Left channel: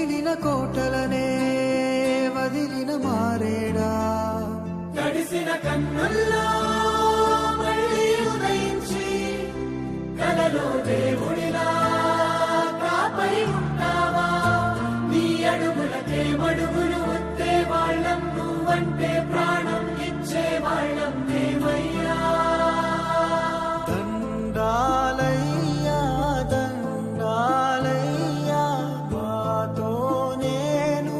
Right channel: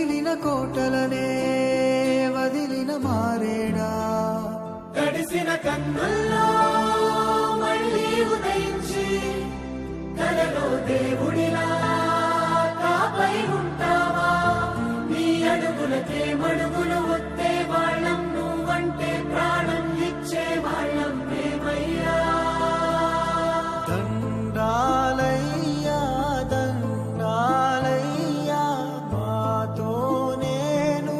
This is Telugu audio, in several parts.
పగిలిన కోటలనే వదిలిన మారేడా తడిసిన కన్నుల్లో మళ్ళీ ఉదయించి కలలో దేవుడిలా కాపై ఉంటావా నీ అడుగులకే మడుగులు వస్తే వాళ్ళం నువ్వంటే ప్రాణం ఇచ్చే వాళ్ళం దేవయ్యా దండాలయ్యా దండాలయ్యా మాతో నేను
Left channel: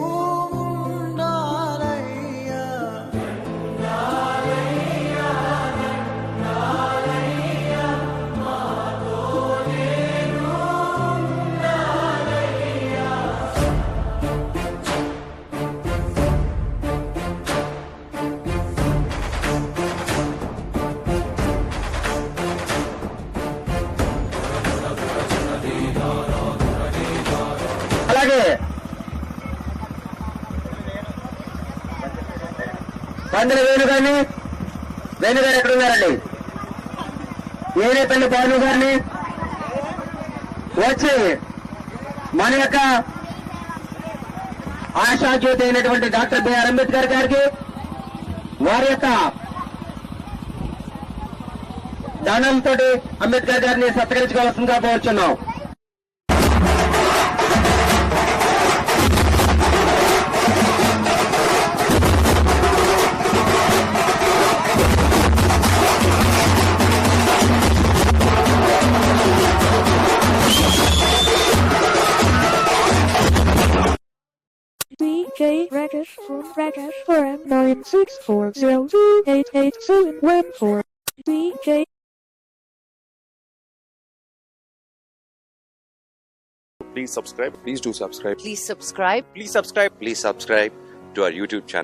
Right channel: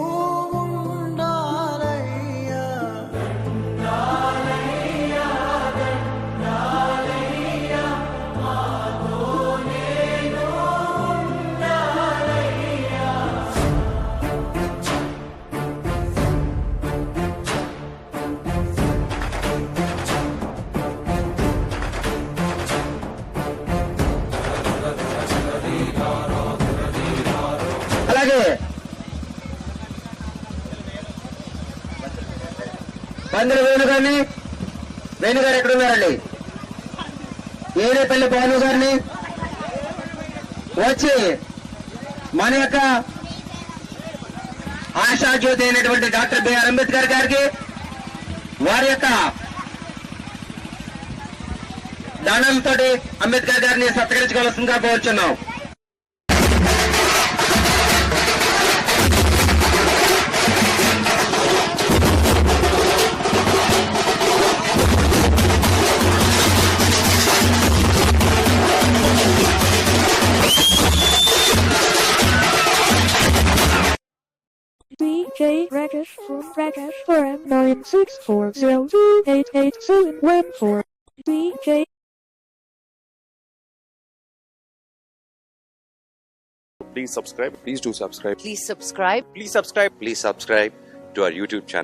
ఉండాలయ్యా అలాగే పందుల వేణుగారిని వేణుగారు ఎక్కడ ఉన్నారండి ఏరేపల్లి భాను గారిని వచ్చి మన యొక్క ఆశాజ్యోతి అయినటువంటి డాక్టర్ బిఆర్ అంబేద్కర్ గారికి వారి యొక్క దానంతో అంబేద్కర్ గారిని సత్కరించుకోవాల్సిందిగా కోరుచున్నాం. DJ Rakesh from Rakesh Forum 96402888714. DJ Please subscribe. Please do subscribe. Please subscribe. Please subscribe. Please subscribe to our YouTube channel.